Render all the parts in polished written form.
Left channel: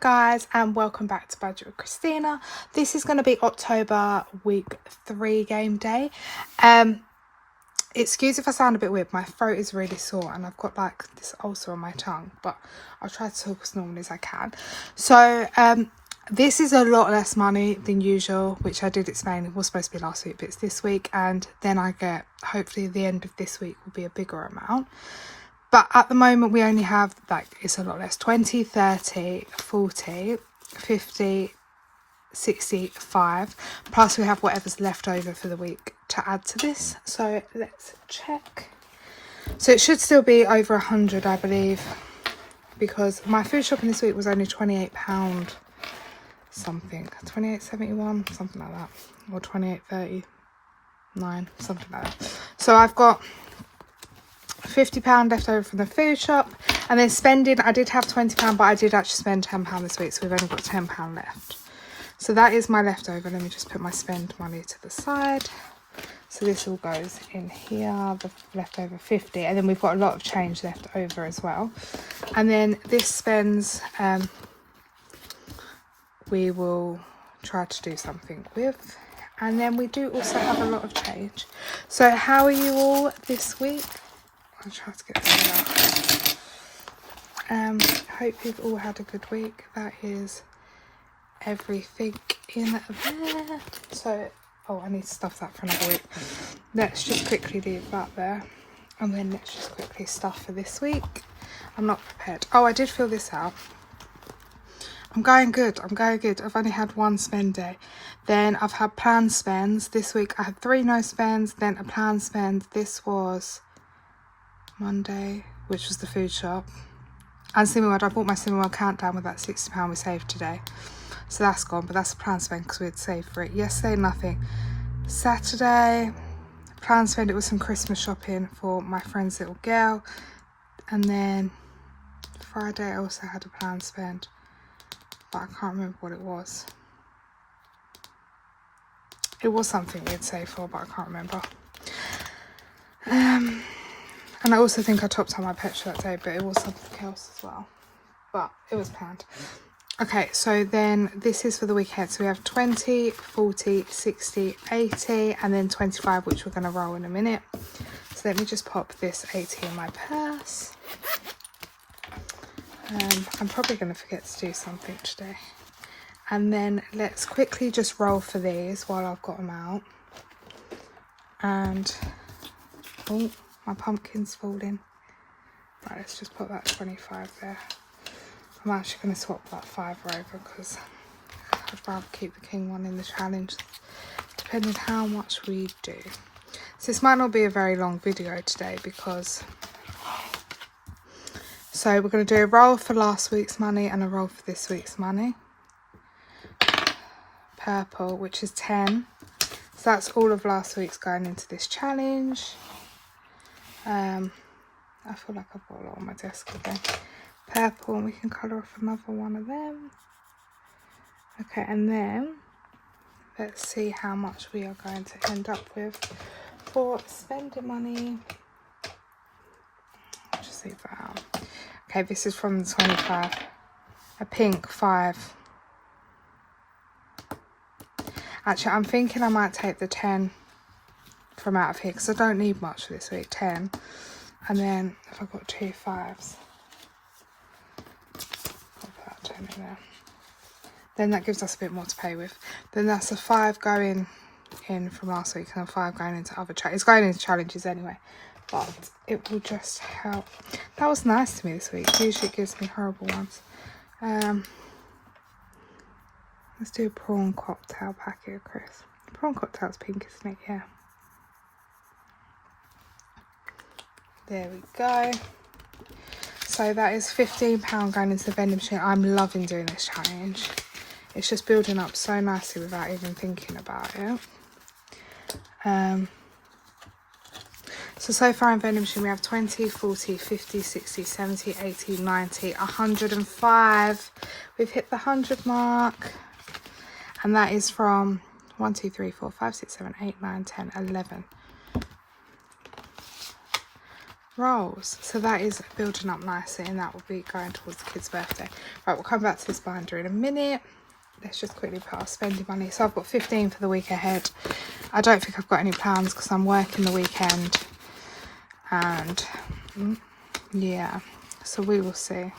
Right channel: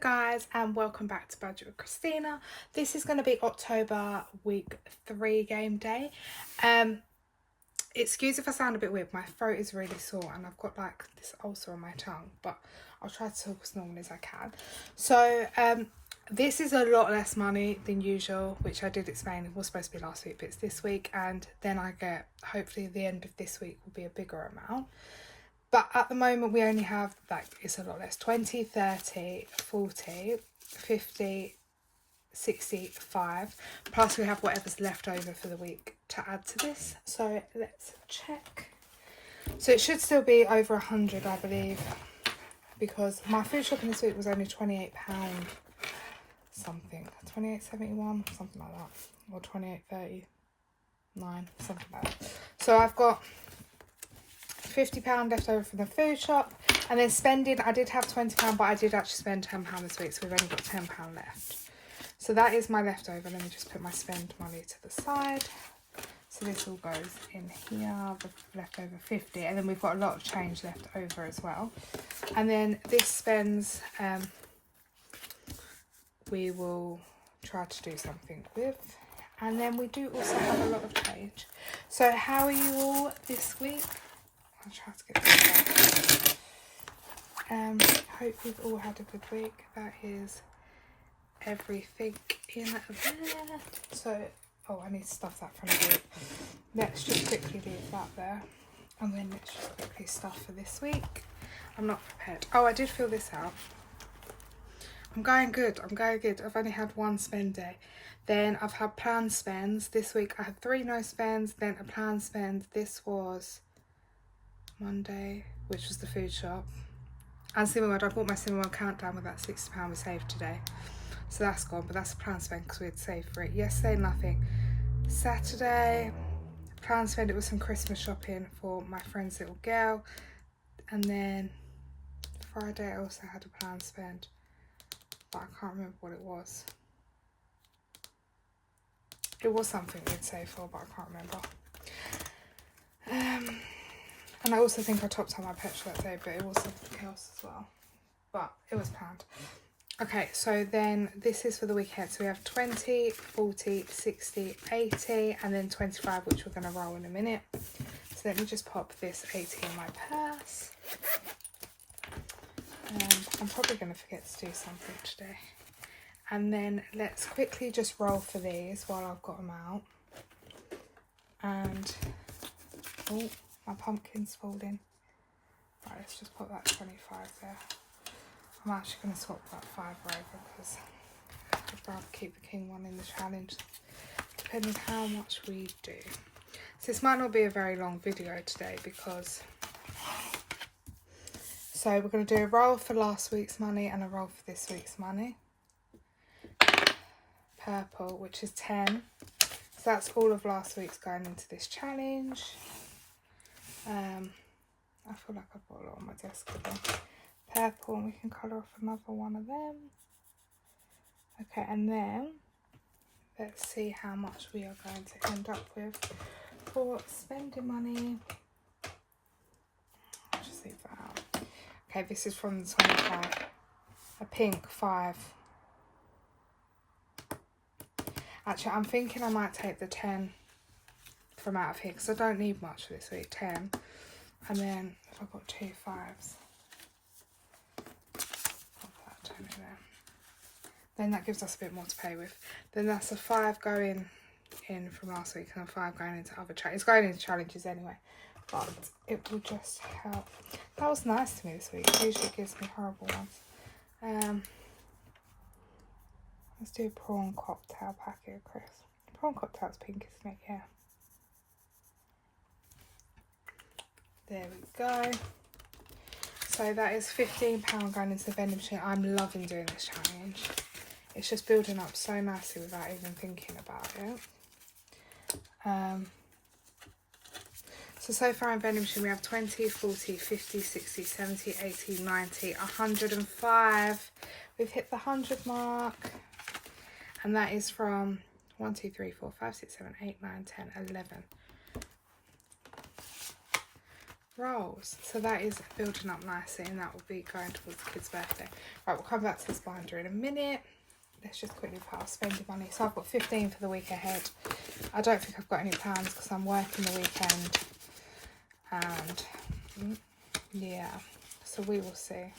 guys, and welcome back to Budget with Christina. This is going to be October week 3 game day. Excuse if I sound a bit weird, my throat is really sore and I've got like this ulcer on my tongue, but I'll try to talk as normally as I can. So this is a lot less money than usual, which I did explain. It was supposed to be last week, but it's this week, and then I get, hopefully the end of this week will be a bigger amount. But at the moment we only have, like, it's a lot less, 20, 30, 40, 50, 65, plus we have whatever's left over for the week to add to this. So let's check. So it should still be over 100, I believe, because my food shopping this week was only £28 something, 28.71, something like that, or 28.39, something like that. So I've got £50 left over from the food shop, and then spending, I did have £20, but I did actually spend £10 this week, so we've only got £10 left. So that is my leftover. Let me just put my spend money to the side. So this all goes in here, the leftover 50, and then we've got a lot of change left over as well. And then this spends, we will try to do something with. And then we do also have a lot of change. So how are you all this week? I'll try to get through that. Hope you've all had a good week. That is everything in there. So, oh, I need to stuff that for another week. Let's just quickly leave that there. And then let's just quickly stuff for this week. I'm not prepared. Oh, I did fill this out. I'm going good. I'm going good. I've only had one spend day. Then I've had planned spends. This week I had 3 no spends, then a planned spend. This was Monday, which was the food shop. And Cineworld, I bought my Cineworld countdown with that £60 we saved today. So that's gone, but that's a planned spend because we had saved for it. Yesterday, nothing. Saturday, planned spend, it was some Christmas shopping for my friend's little girl. And then Friday, I also had a planned spend, but I can't remember what it was. It was something we'd saved for, but I can't remember. And I also think I topped up my petrol that day, but it was something else as well. But it was planned. Okay, so then this is for the week ahead. So we have 20, 40, 60, 80, and then 25, which we're going to roll in a minute. So let me just pop this 80 in my purse. I'm probably going to forget to do something today. And then let's quickly just roll for these while I've got them out. And, oh, my pumpkin's falling. Right, let's just put that 25 there. I'm actually going to swap that 5 over because I'd rather keep the king one in the challenge, depending how much we do. So this might not be a very long video today because, so we're going to do a roll for last week's money and a roll for this week's money. Purple, which is 10. So that's all of last week's going into this challenge. I feel like I've got a lot on my desk again. Purple, and we can colour off another one of them. Okay, and then let's see how much we are going to end up with for spending money. Just leave that out. Okay, this is from the 25. A pink 5. Actually, I'm thinking I might take the 10 from out of here because I don't need much for this week. 10. And then if I've got 2 5s, I'll put that 10 in there. Then that gives us a bit more to play with. Then that's a 5 going in from last week and a 5 going into other challenges. It's going into challenges anyway, but it will just help. That was nice to me this week. Usually it gives me horrible ones. Let's do a prawn cocktail packet, Chris. Prawn cocktail's pink, isn't it? Yeah. There we go. So that is £15 going into the vending machine. I'm loving doing this challenge. It's just building up so nicely without even thinking about it. So far in vending machine we have 20, 40, 50, 60, 70, 80, 90, 105. We've hit the 100 mark. And that is from 1, 2, 3, 4, 5, 6, 7, 8, 9, 10, 11. rolls. So that is building up nicely, and that will be going towards the kid's birthday. Right, we'll come back to this binder in a minute. Let's just quickly put our spending money. So I've got 15 for the week ahead. I don't think I've got any plans because I'm working the weekend. And yeah, so we will see.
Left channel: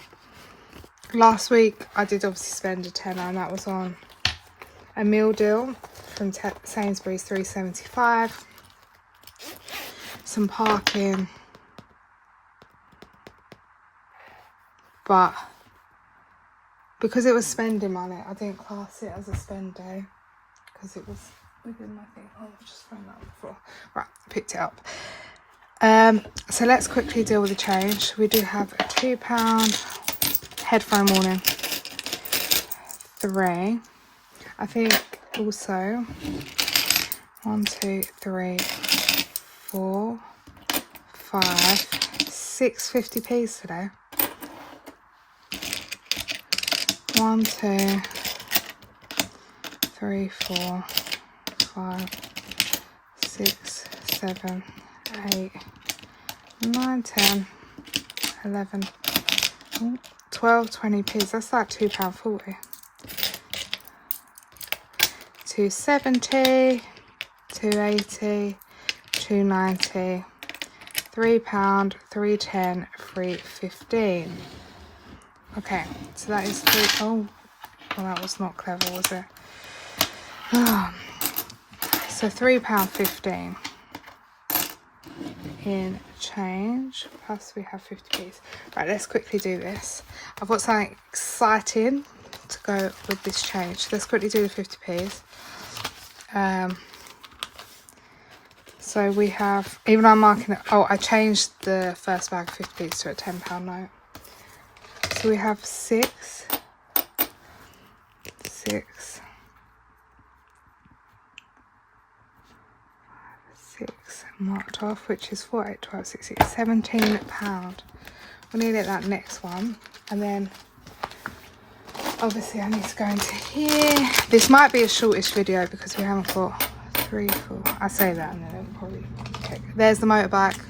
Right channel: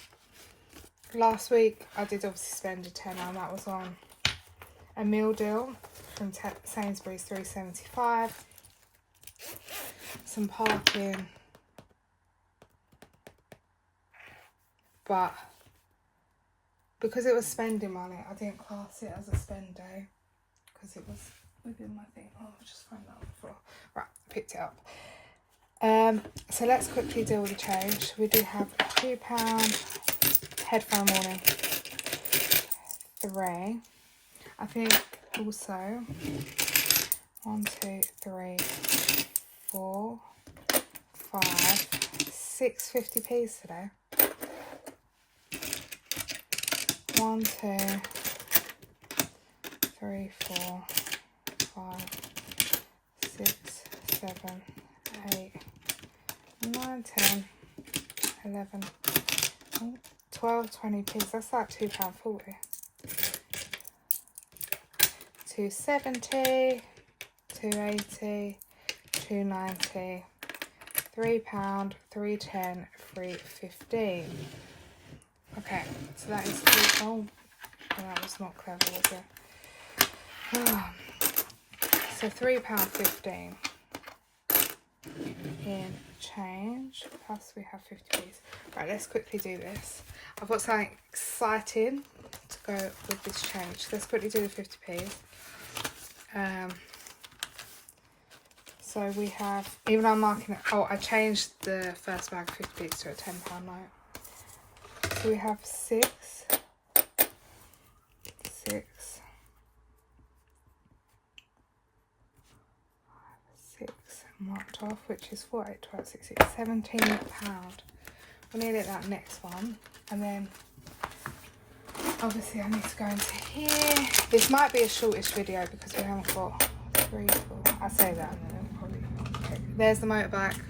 Last week I did obviously spend a tenner, and that was on a meal deal from Sainsbury's, £3.75. Some parking. But because it was spending money, I didn't class it as a spend day because it was within my thing. Oh, I've just found that on the floor. Right, picked it up. So let's quickly deal with the change. We do have a £2 headphone warning. 3. I think also 1, 2, 3, 4, 5, 6 50p's today. 1, 2, 3, 4, 5, 6, 7, 8, 9, 10, 11, 12, 20p's. That's like £2.40. 2.70, 2.80, 2.90, £3, 3.10, 3.15. Okay, so that is three. Oh, well, that was not clever, was it? Oh. So £3.15 in change, plus we have 50p's. Right, let's quickly do this. I've got something exciting to go with this change. Let's quickly do the 50p's. So we have, even though I'm marking it, oh, I changed the first bag of 50p's to a £10 note. So we have 6 marked off, which is 4, 8, 12, 16, £17. We'll need it that next one, and then obviously I need to go into here. This might be a shortish video because we haven't got 3, 4. I say that and then it'll probably check. There's the motorbike.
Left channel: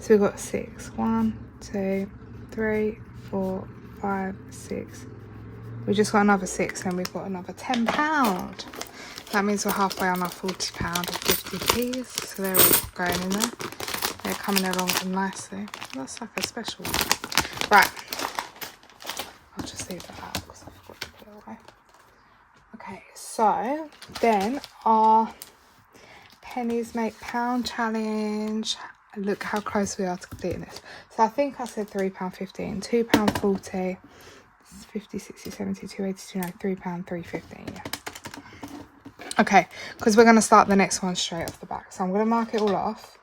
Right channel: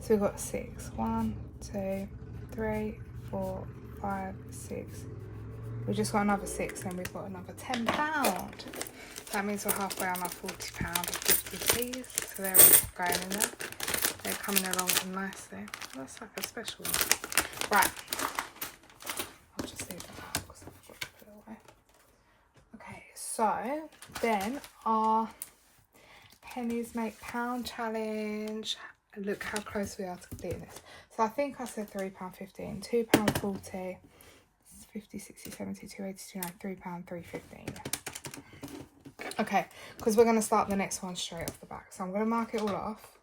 So we've got 6. 1, 2, 3, 4, 5, 6. We just got another 6, and we've got another £10. That means we're halfway on our £40 of 50p's. So they're all going in there. They're coming along nicely. That's like a special one. Right. I'll just leave that out because I forgot to put it away. Okay, so then our pennies make pound challenge. Look how close we are to completing this. So I think I said £3.15, £2.40, 50, 60, 70, 280, 290, £3, 3.15. Yeah. Okay, because we're going to start the next one straight off the back. So I'm going to mark it all off.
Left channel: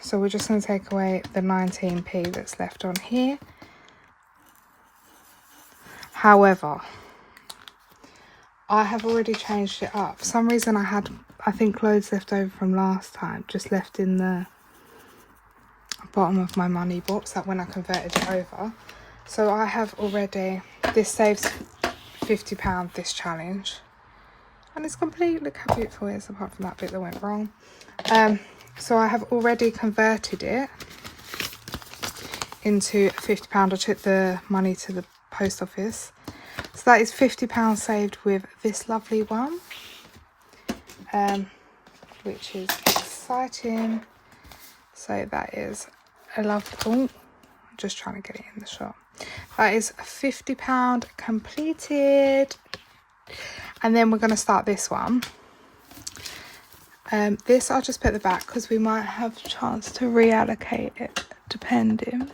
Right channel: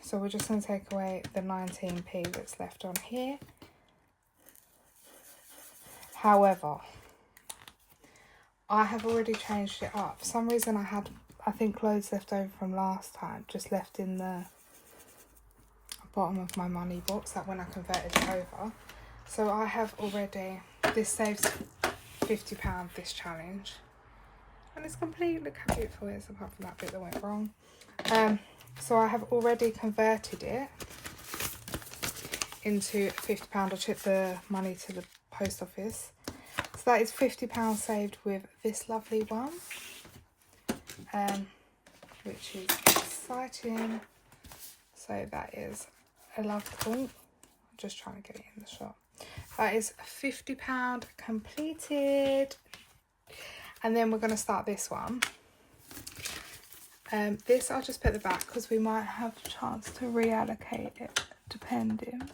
So we're just going to take away the 19p that's left on here. However, I have already changed it up. For some reason I had, I think, loads left over from last time, just left in the bottom of my money box, that when I converted it over. So I have already, this saves £50 this challenge. And it's complete. Look how beautiful it is, apart from that bit that went wrong. So I have already converted it into £50. I took the money to the post office. So that is £50 saved with this lovely one. Which is exciting. So that is a lovely, oh, I'm just trying to get it in the shot. That is £50 completed. And then we're going to start this one. This I'll just put at the back because we might have a chance to reallocate it depending.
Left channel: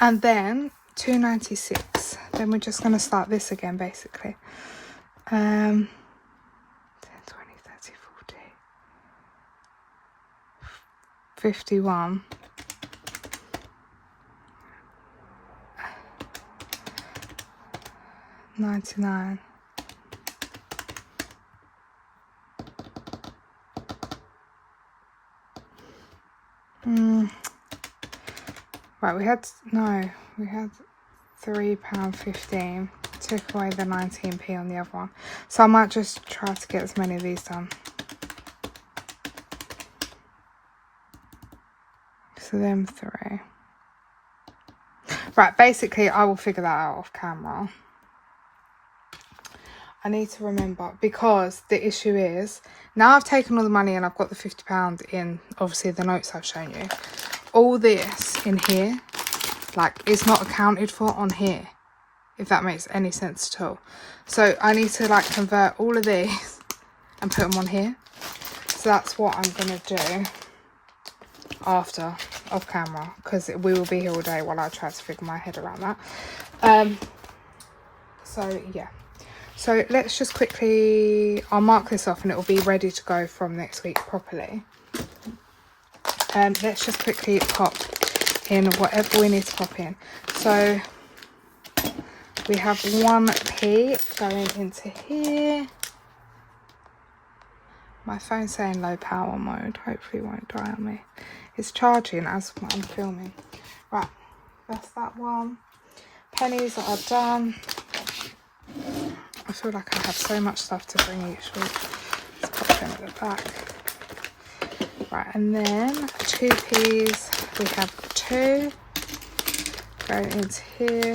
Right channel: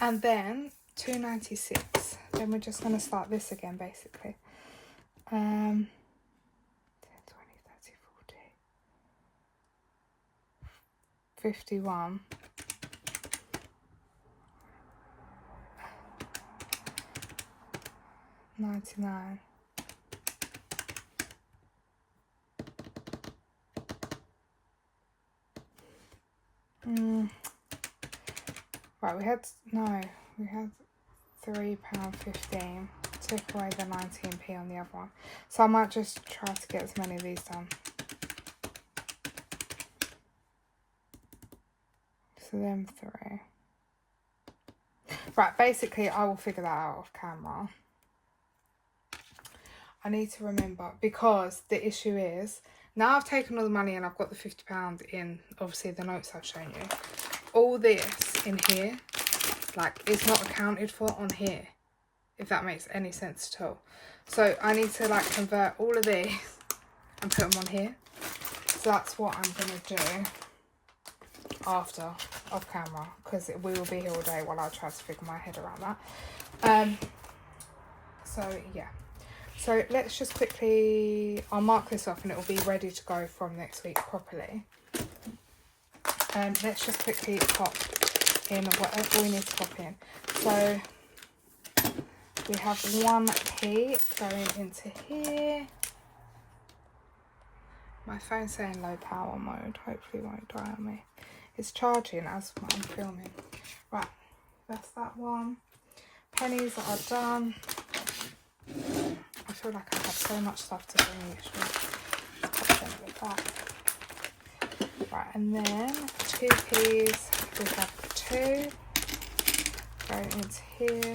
And then 296. Then we're just going to start this again basically. 10, 20, 30, 40, 51. 99. Right, we had £3.15. Took away the 19p on the other one. So I might just try to get as many of these done. So them 3. Right, basically I will figure that out off camera. I need to remember, because the issue is, now I've taken all the money and I've got the £50 in, obviously, the notes I've shown you. All this in here, like, it's not accounted for on here, if that makes any sense at all. So I need to, like, convert all of these and put them on here. So that's what I'm going to do after, off camera, because we will be here all day while I try to figure my head around that. So, yeah. So let's just quickly, I'll mark this off and it will be ready to go from next week properly. Let's just quickly pop in whatever we need to pop in. So we have 1p going into here. My phone's saying low power mode, hopefully it won't die on me. It's charging as I'm filming. Right, that's that one. Pennies that are done. I feel like I have so much stuff to bring each week. Let's put them at the back. Right, and then 2p's, we have 2 going into here.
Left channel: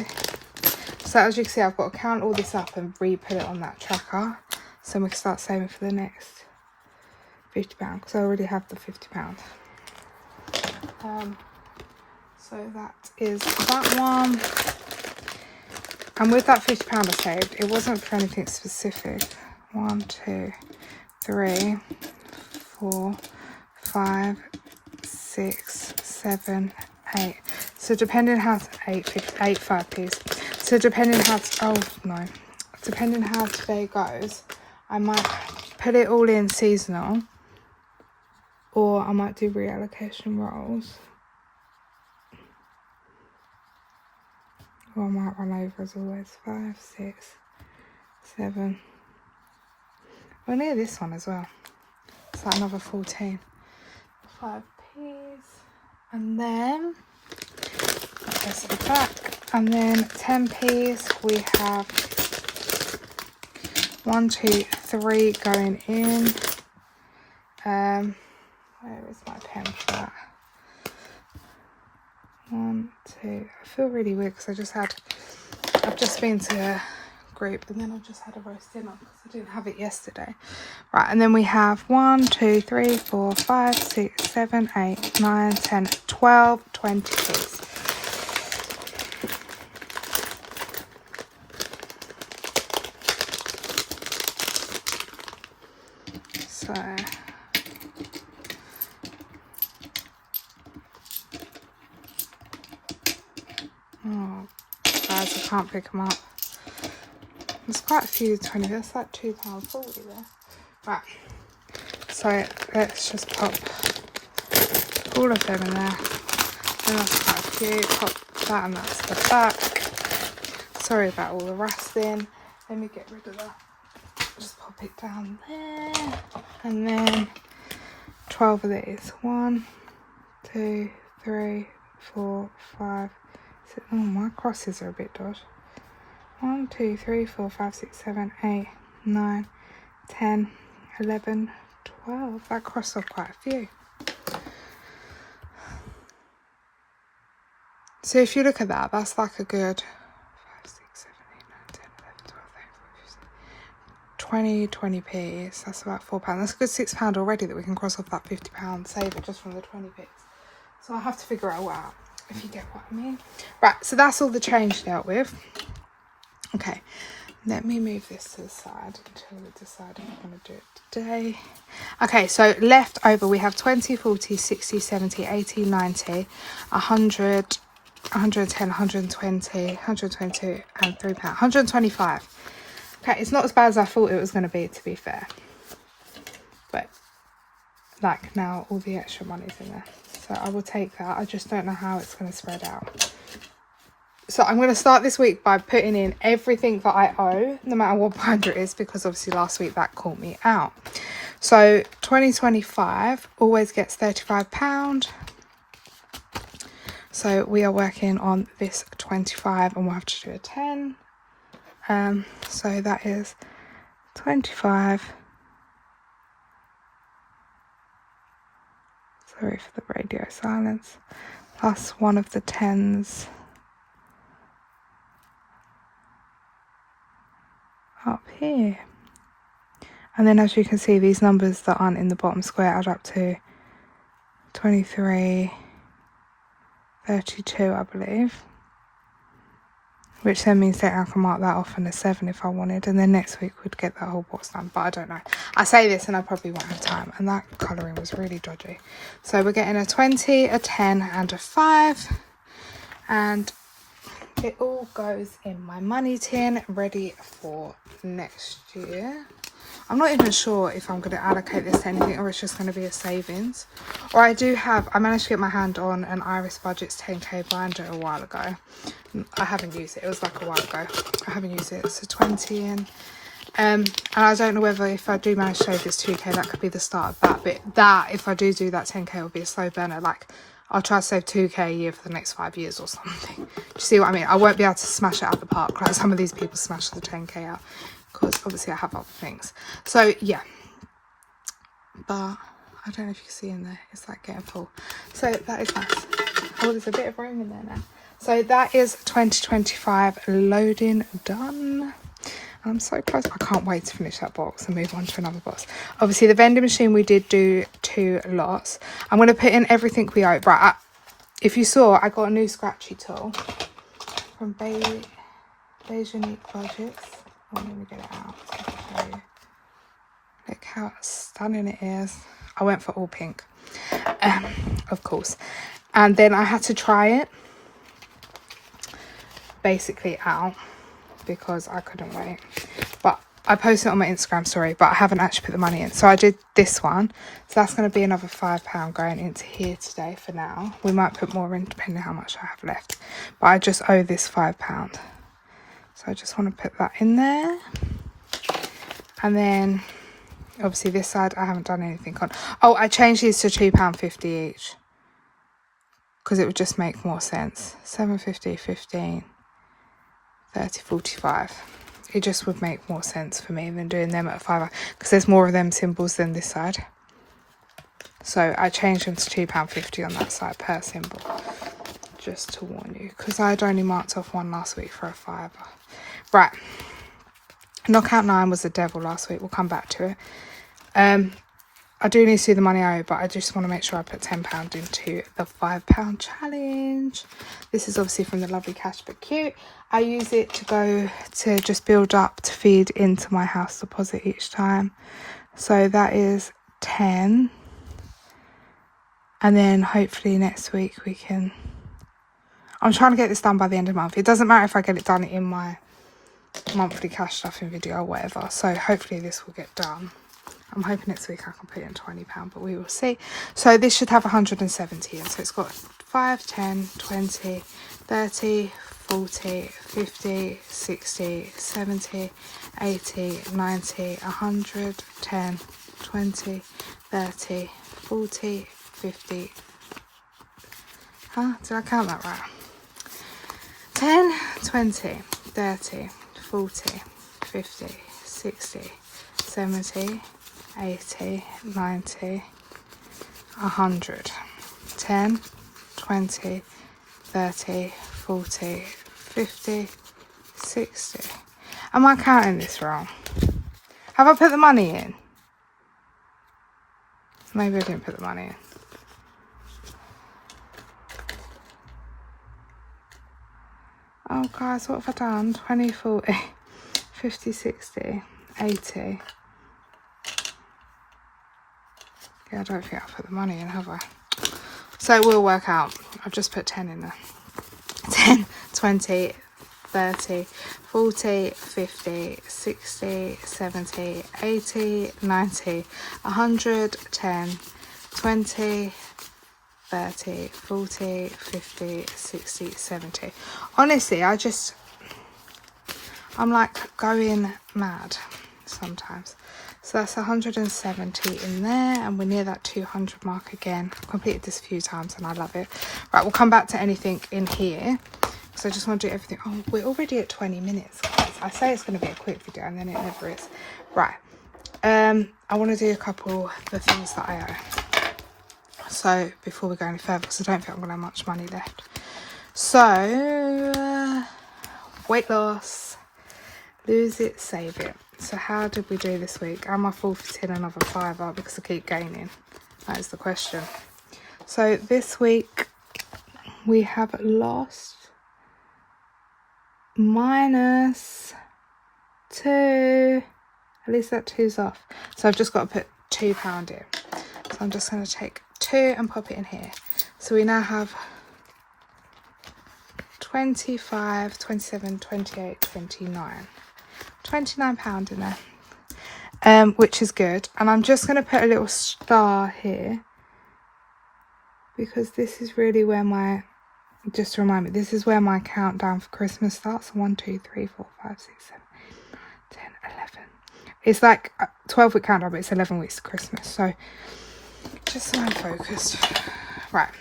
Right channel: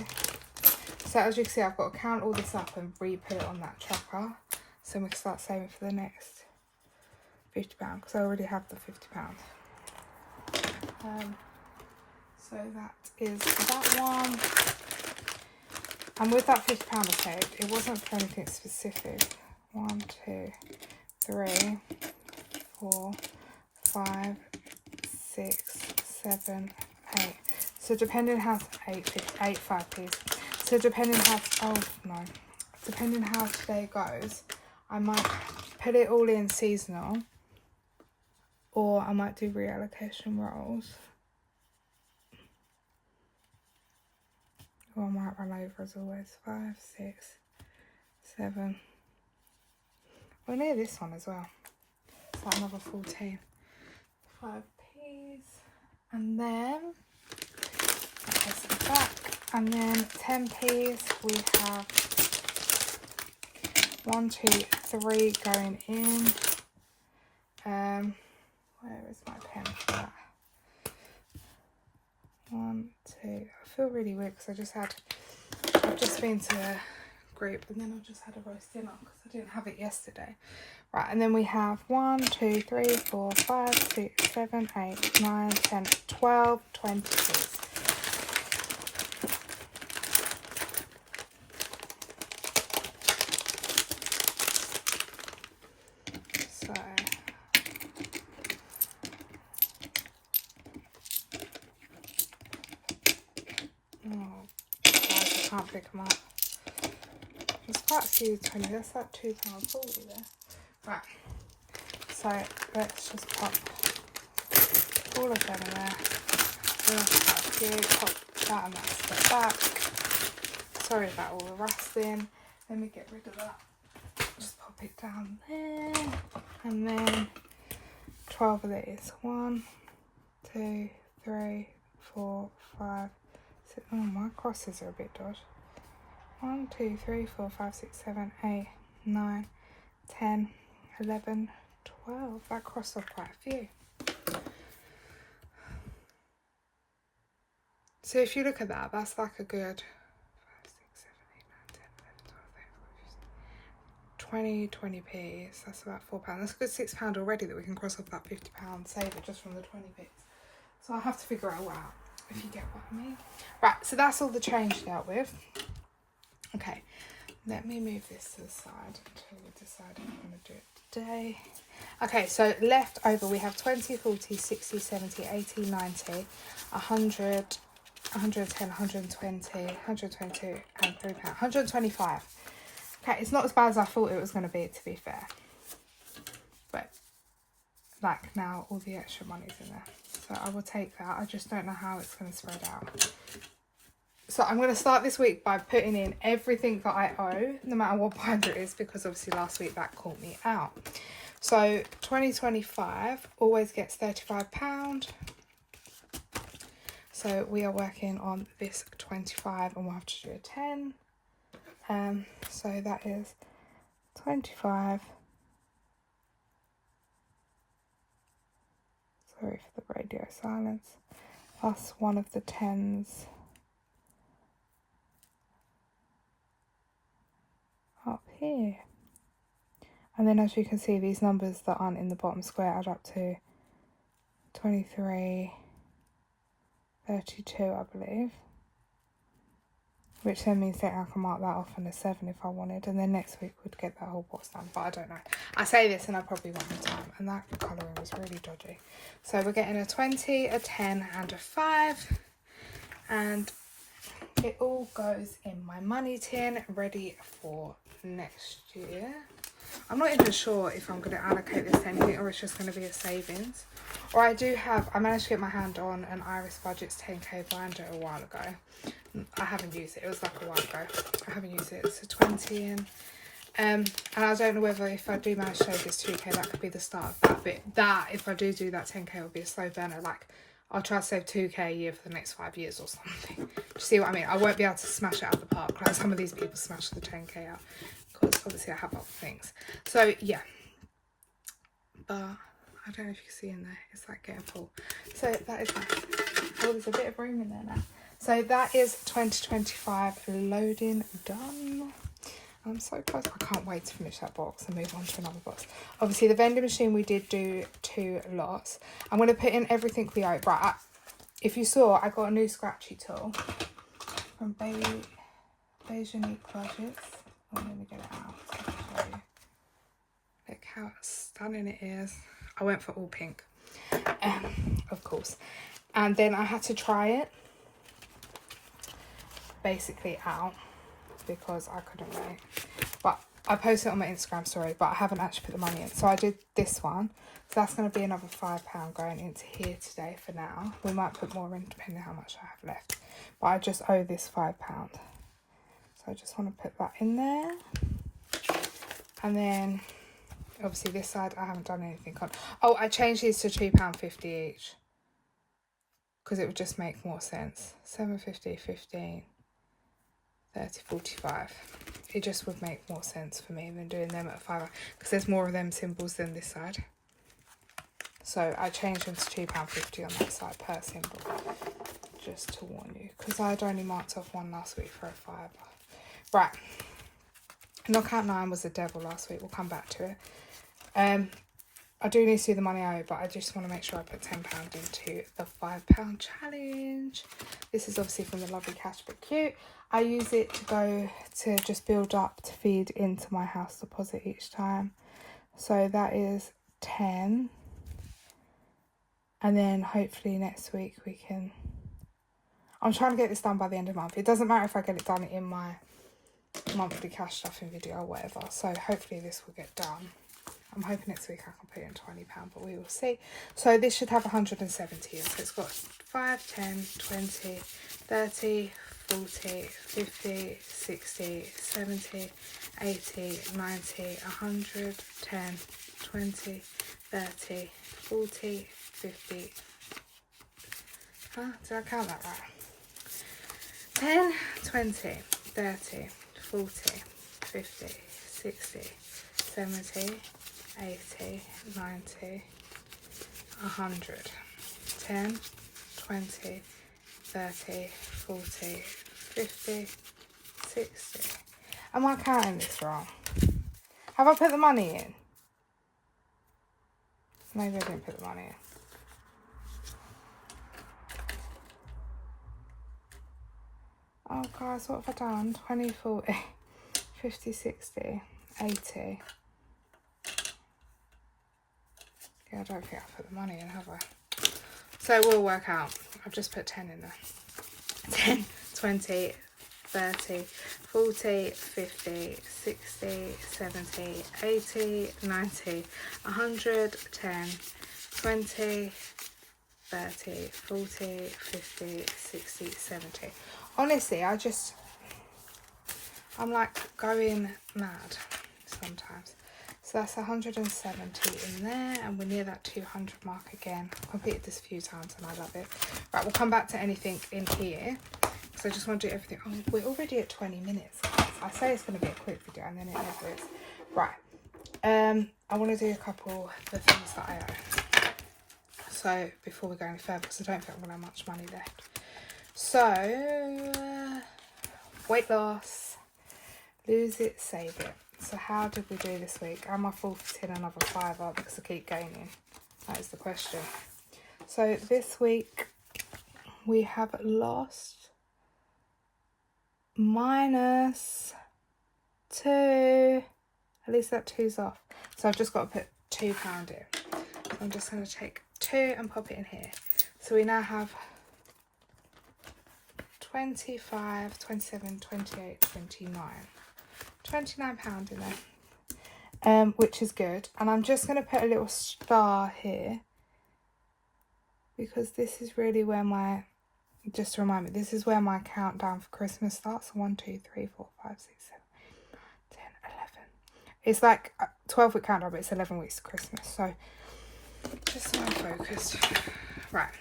So as you can see, I've got to count all this up and re-put it on that tracker, so we can start saving for the next £50, because I already have the £50. So that is that one. And with that £50 I saved, it wasn't for anything specific. 1, 2, 3, 4, 5, 6, 7, 8. So depending how to 8 5p's. So depending how today goes, I might put it all in seasonal, or I might do reallocation rolls. Or I might run over as always. 5, 6, 7. Well, near this one as well. It's like another 14. 5p's. And then, press it back. And then 10p's, we have 1, 2, 3 going in. Where is my pen for that? 1, 2. I feel really weird because I've just been to a group and then I've just had a roast dinner because I didn't have it yesterday. Right, and then we have 1, 2, 3, 4, 5, 6, 7, 8, 9, 10, 12, 20 p's. So guys, I can't pick them up. There's quite a few 20. That's like £2.40 there. Right. So let's just pop all of them in there. Then that's quite a few. Pop that and that's the back. Sorry about all the rustling. Let me get rid of that. Just pop it down there. And then 12 of these. 1, 2, 3, 4, 5, 6. Oh, my crosses are a bit dodgy. 1, 2, 3, 4, 5, 6, 7, 8, 9, 10, 11, 12. That crossed off quite a few. So if you look at that, that's like a good 5, 6, 7, 8, 9, 10, 11, 12, 13, 14, 20 p's. That's about £4. That's a good £6 already that we can cross off that £50 save it just from the 20 p's. So I have to figure it all out, if you get what I mean. Right, so that's all the change dealt with. Okay, let me move this to the side until we decide if we're going to do it today. Okay, so left over we have 20, 40, 60, 70, 80, 90, 100, 110, 120, 122 and £3. 125. Okay, it's not as bad as I thought it was going to be fair. But, like, now all the extra money's in there. So I will take that. I just don't know how it's going to spread out. So I'm going to start this week by putting in everything that I owe, no matter what binder it is, because obviously last week that caught me out. So 2025 always gets £35. So we are working on this 25 and we'll have to do a 10. So that is 25. So Sorry for the radio silence. Plus one of the 10s up here. And then as you can see, these numbers that aren't in the bottom square add up to 23, 32, I believe. Which then means that I can mark that off in a 7 if I wanted. And then next week we'd get that whole box done. But I don't know. I say this and I probably won't have time. And that colouring was really dodgy. So we're getting a 20, a 10 and a 5. And it all goes in my money tin, ready for next year. I'm not even sure if I'm going to allocate this to anything or it's just going to be a savings. Or I managed to get my hand on an Iris Budget's 10k binder a while ago. I haven't used it. It was like a while ago. I haven't used it. It's a 20 in. And I don't know whether if I do manage to save this 2k, that could be the start of that. But that, if I do that 10k, will be a slow burner. Like, I'll try to save 2k a year for the next 5 years or something. Do you see what I mean? I won't be able to smash it out the park like some of these people smash the 10k out. Because obviously I have other things. So, yeah. But I don't know if you can see in there. It's like getting full. So, that is nice. Oh, there's a bit of room in there now. So that is 2025 loading done. I'm so close. I can't wait to finish that box and move on to another box. Obviously, the vending machine, we did do 2 lots. I'm going to put in everything we owe. Right, if you saw, I got a new scratchy tool from Beige Unique Budgets. Oh, let me get it out so I can show you. Look how stunning it is. I went for all pink, of course. And then I had to try it basically out because I couldn't wait. But I posted it on my Instagram story, but I haven't actually put the money in. So I did this one. So that's going to be another £5 going into here today for now. We might put more in depending on how much I have left. But I just owe this £5. So I just want to put that in there. And then obviously this side I haven't done anything on. Oh, I changed these to £2.50 each. Because it would just make more sense. 7.50, 15, 30, 45. It just would make more sense for me than doing them at a £5. Because there's more of them symbols than this side. So I changed them to £2.50 on that side per symbol. Just to warn you. Because I had only marked off one last week for a £5. Right. Knockout 9 was the devil last week. We'll come back to it. I do need to do the money I owe, but I just want to make sure I put £10 into the £5 challenge. This is obviously from the lovely Cash But Cute. I use it to go to just build up to feed into my house deposit each time. So that is 10. And then hopefully next week we can... I'm trying to get this done by the end of the month. It doesn't matter if I get it done in my monthly cash stuffing video or whatever. So hopefully this will get done. I'm hoping next week I can put in £20, but we will see. So this should have 170 in. So it's got 5, 10, 20, 30, 40, 50, 60, 70, 80, 90, 100, 10, 20, 30, 40, 50. Huh? Did I count that right? 10, 20, 30, 40, 50, 60, 70, 80, 90, 100, 10, 20, 30, 40, 50, 60. Am I counting this wrong? Have I put the money in? Maybe I didn't put the money in. Oh guys, what have I done? 20, 40, 50, 60, 80. Yeah, I don't think I've put the money in, have I? So it will work out. I've just put 10 in there. 10, 20, 30, 40, 50, 60, 70, 80, 90, 100, 10, 20, 30, 40, 50, 60, 70. Honestly, I'm like going mad sometimes. So that's 170 in there, and we're near that 200 mark again. I've completed this a few times and I love it. Right, we'll come back to anything in here because I just want to do everything. Oh, we're already at 20 minutes, guys. I say it's going to be a quick video and then it never is. Right, I want to do a couple of the things that I owe. So before we go any further, because I don't think I'm going to have much money left. So weight loss, lose it, save it. So how did we do this week? Am I forfeiting another £5 because I keep gaining? That is the question. So this week we have lost -2. At least that 2's off. So I've just got to put £2 in. So I'm just going to take 2 and pop it in here. So we now have 25, 27, 28, 29. £29 in there. Which is good. And I'm just going to put a little star here. Because this is really where my, just to remind me, this is where my countdown for Christmas starts. 1, 2, 3, 4, 5, 6, 7, 10, 11. It's like a 12-week countdown, but it's 11 weeks to Christmas. So just so I'm focused. Right.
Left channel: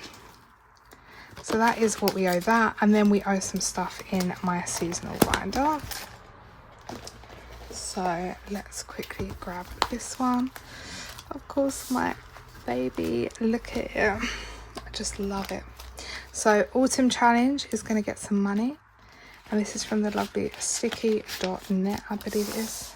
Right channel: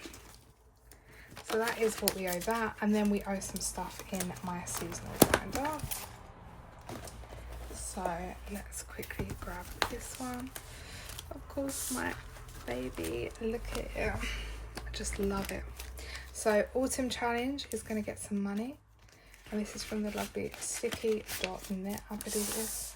So that is what we owe that. And then we owe some stuff in my seasonal binder. So let's quickly grab this one. Of course, my baby. Look at it. I just love it. So autumn challenge is going to get some money. And this is from the lovely sticky.net, I believe it is.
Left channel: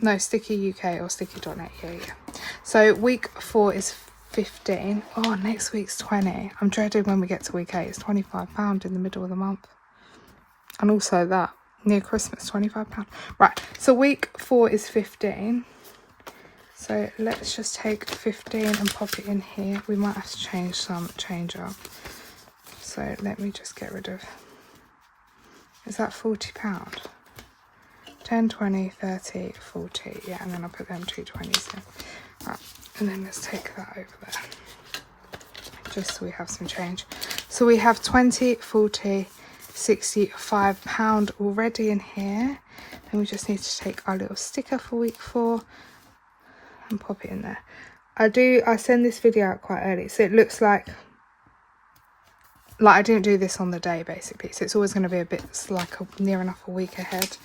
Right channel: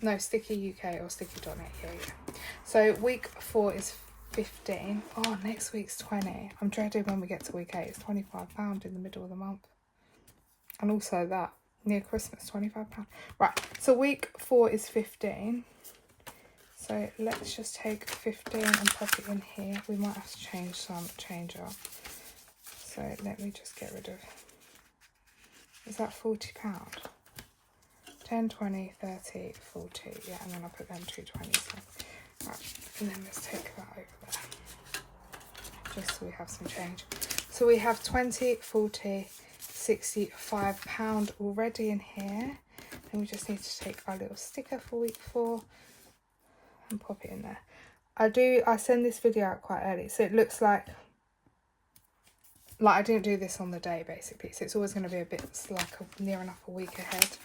No, Sticky UK or Sticky.net. Yeah. So week 4 is 15. Oh, next week's 20. I'm dreading when we get to week 8. It's £25 in the middle of the month. And also that near Christmas, £25. Right. So week 4 is 15. So let's just take 15 and pop it in here. We might have to change up. So let me just get rid of, is that £40? 10, 20, 30, 40. Yeah, and then I'll put them 2 20s in. Right, and then let's take that over there. Just so we have some change. So we have 20, 40, 65 pound already in here. And we just need to take our little sticker for week 4 and pop it in there. I send this video out quite early, so it looks like I didn't do this on the day basically, so it's always going to be a bit like near enough a week ahead,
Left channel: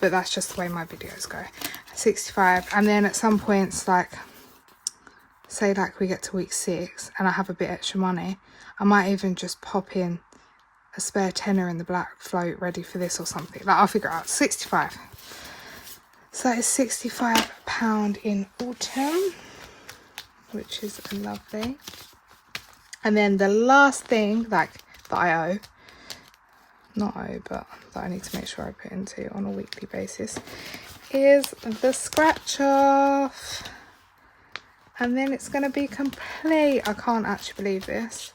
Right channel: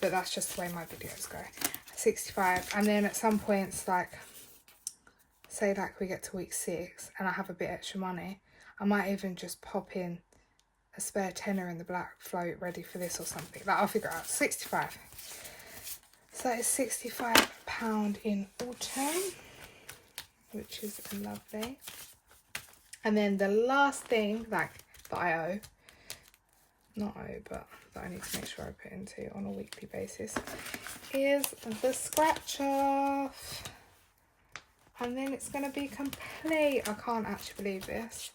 but that's just the way my videos go. 65, and then at some points, like say like we get to week 6 and I have a bit extra money, I might even just pop in a spare tenner in the black float ready for this or something. Like, I'll figure it out. 65. So it's £65 in autumn, which is lovely. And then the last thing like that I owe, not owe, but that I need to make sure I put into on a weekly basis, is the scratch off. And then it's going to be complete. I can't actually believe this.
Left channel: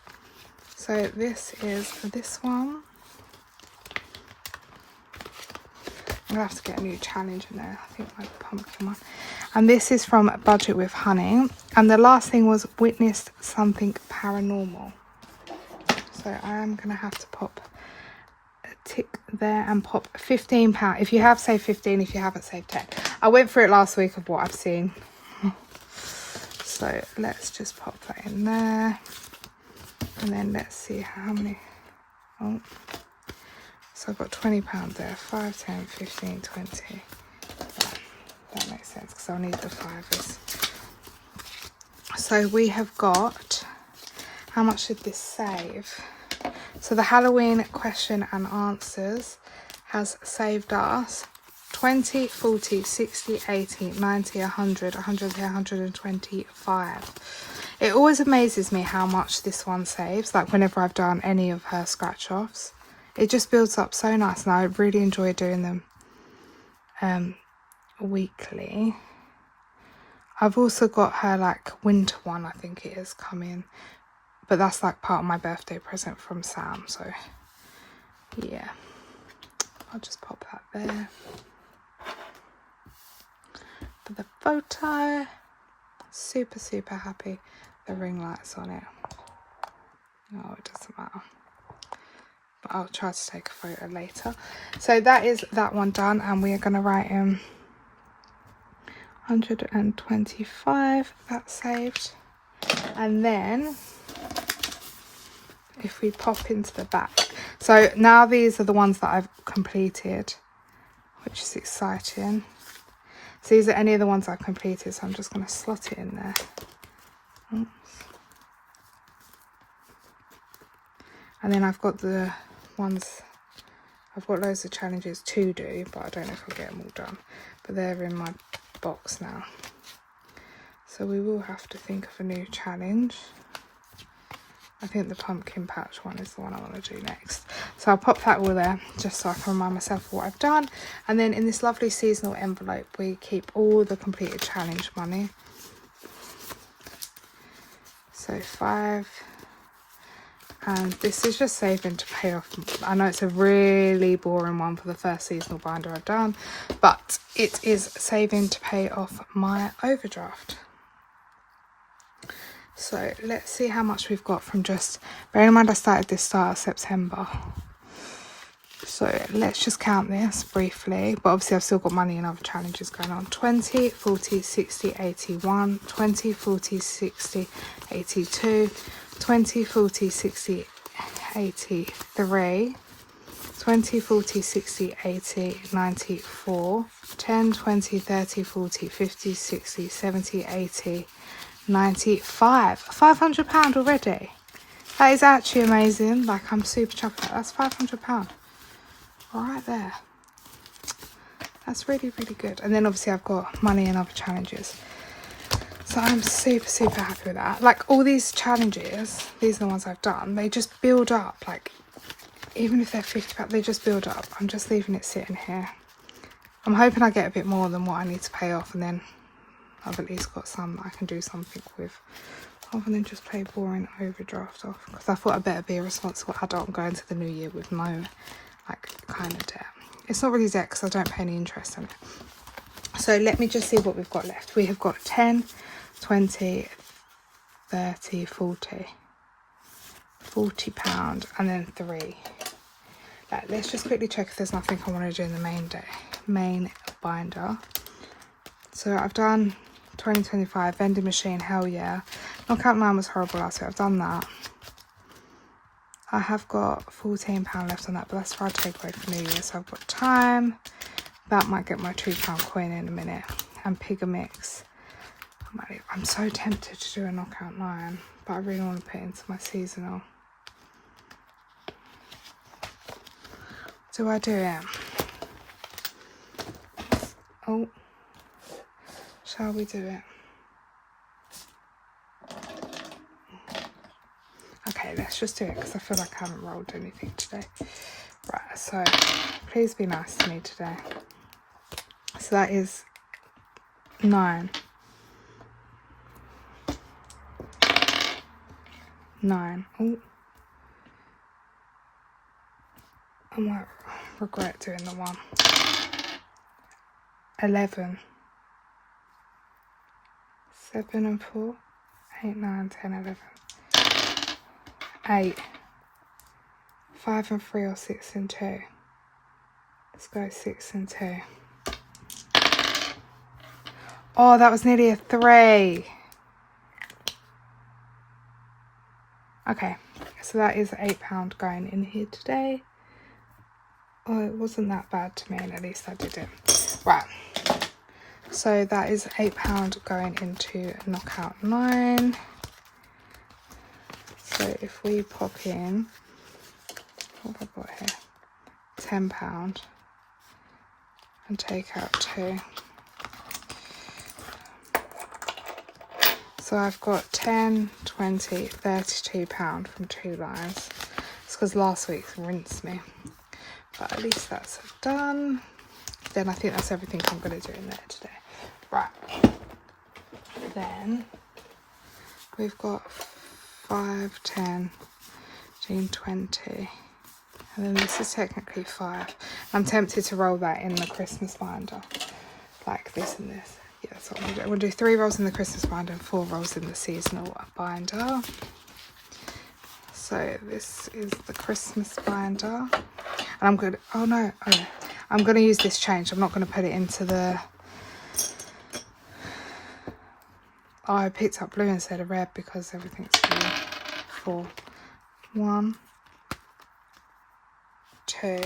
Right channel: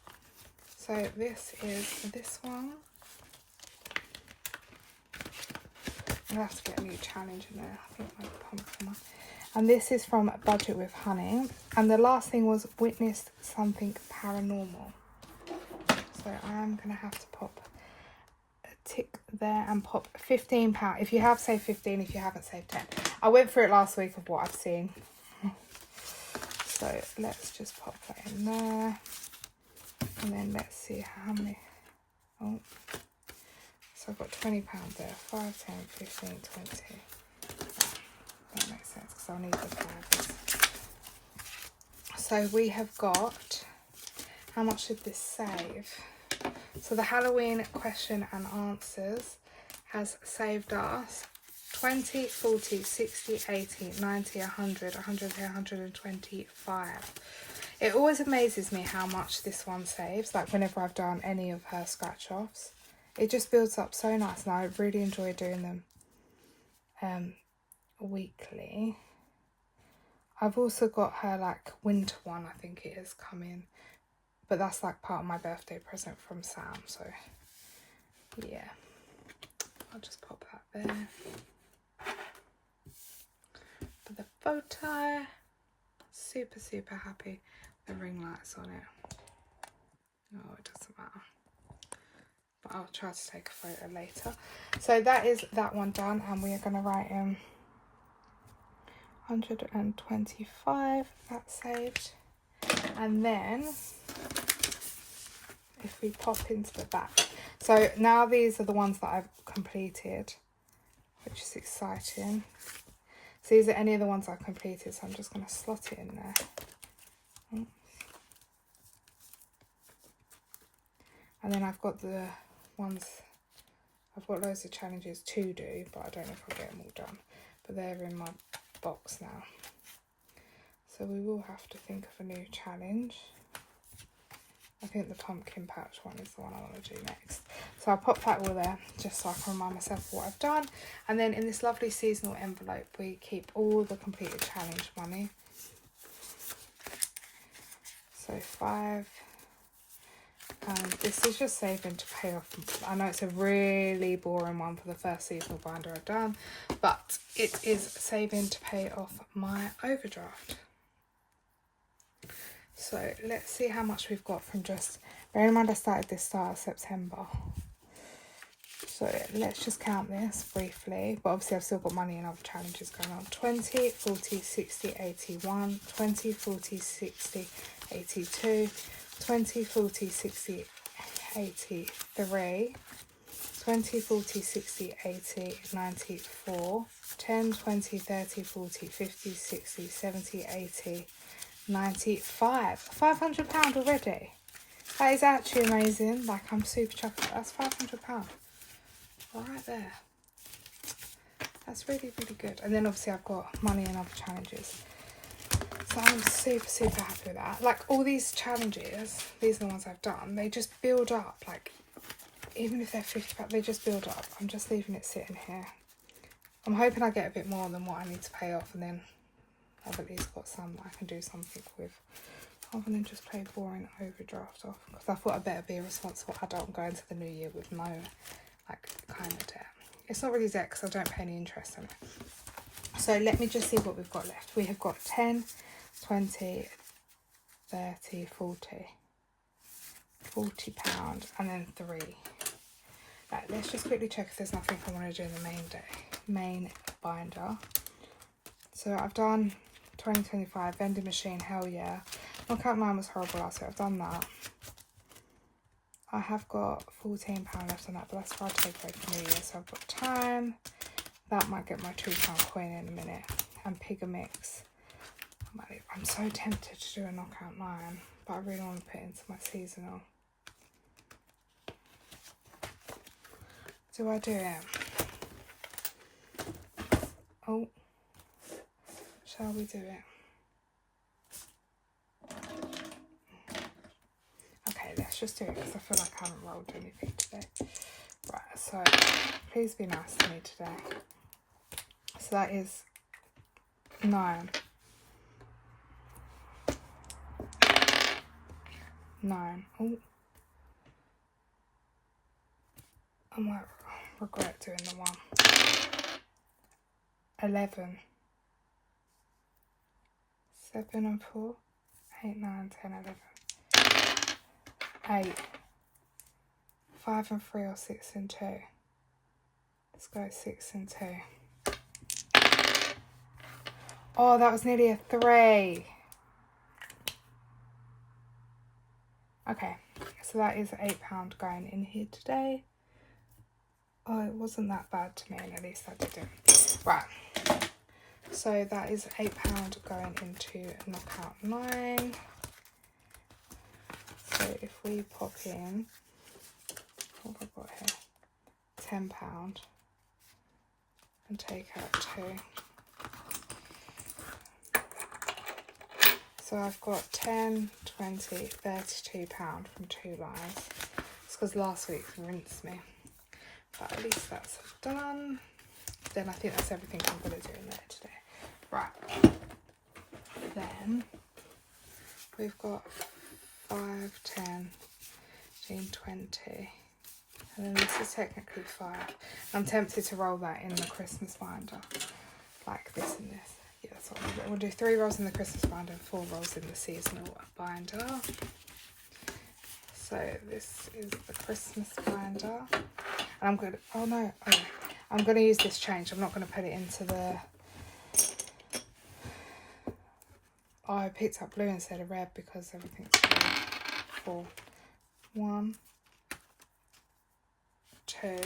So this is this one. I'm going to have to get a new challenge in there. I think my pumpkin one. And this is from Budget with Honey. And the last thing was witnessed something paranormal. So I'm going to have to pop a tick there and pop £15. If you have saved 15, if you haven't saved 10. I went through it last week of what I've seen. So let's just pop that in there. And then let's see how many. Oh. So I've got £20 there. 5, 10, 15, 20. That makes sense because I'll need the 5s. So we have got, how much did this save? So the Halloween question and answers has saved us 20, 40, 60, 80, 90, 100, 100, 125. It always amazes me how much this one saves, like whenever I've done any of her scratch offs. It just builds up so nice, and I really enjoy doing them weekly. I've also got her like winter one, I think it is, coming, but that's like part of my birthday present from Sam, so yeah, I'll just pop that there for the photo. Super happy. The ring lights on it. Oh, it doesn't matter, but I'll try to take a photo later. So that is that one done, and we are going to write in 125. That's saved. And then if we pop into the back, so now these are the ones that I've completed, which is exciting. So these are any of the ones I've completed, so I'm just going to slot it in there. And then I've got the ones, I've got loads of challenges to do, but I don't know if I'll get them all done. But they're in my box now. So we will have to think of a new challenge. I think the pumpkin patch one is the one I want to do next. So I'll pop that all there just so I can remind myself of what I've done. And then in this lovely seasonal envelope, we keep all the completed challenge money. So 5. And this is just saving to pay off. I know it's a really boring one for the first seasonal binder I've done, but it is saving to pay off my overdraft. So let's see how much we've got from just, bearing in mind I started this start of September. So let's just count this briefly, but obviously I've still got money and other challenges going on. 20, 40, 60, 81, 20, 40, 60, 82, 20, 40, 60, 83, 20, 40, 60, 80, 94, 10, 20, 30, 40, 50, 60, 70, 80, 95. £500 already. That is actually amazing. Like, I'm super chuffed. That's £500 right there. That's really, really good. And then obviously I've got money and other challenges. So I'm super, super happy with that. Like, all these challenges, these are the ones I've done, they just build up. Like, even if they're £50, they just build up. I'm just leaving it sitting here. I'm hoping I get a bit more than what I need to pay off, and then I've at least got some that I can do something with, rather than just pay boring overdraft off. Because I thought I'd better be a responsible adult and go into the new year with no, like, kind of debt. It's not really debt because I don't pay any interest on it. So let me just see what we've got left. We have got 10, 20, 30, 40. £40 and then 3. Like, let's just quickly check if there's nothing I want to do in the main binder. So I've done 2025 vending machine, hell yeah. Knockout 9 was horrible last week. I've done that. I have got £14 left on that, but that's for our takeaway for New Year. So I've got time. That might get my £2 coin in a minute. And Pigger Mix. I'm so tempted to do a knockout 9, but I really want to put it into my seasonal. Do I do it? Oh. Shall we do it? Okay, let's just do it because I feel like I haven't rolled anything today. Right, so please be nice to me today. So that is 9. 9. Oh. I might regret doing the one. 11. 7 and 4. 8, 9, 10, 11. 8. 5 and 3 or 6 and 2. Let's go 6 and 2. Oh, that was nearly a 3. Okay, so that is £8 going in here today. Oh, it wasn't that bad to me, and at least I did it. Right, so that is £8 going into knockout 9. So if we pop in, what have I got here? £10 and take out 2. So I've got 10, 20, £32 from 2 lines. It's because last week rinsed me. But at least that's done. Then I think that's everything I'm going to do in there today. Right. Then we've got 5, 10, 15, 20. And then this is technically 5. I'm tempted to roll that in the Christmas binder. Like this and this. Yeah, that's what I'm going to do. We'll do 3 rolls in the Christmas binder and 4 rolls in the seasonal binder. So this is the Christmas binder. And I'm good. Oh no. I'm going to use this change. I'm not going to put it into the... Oh, I picked up blue instead of red because everything's blue. 4. 1, 2.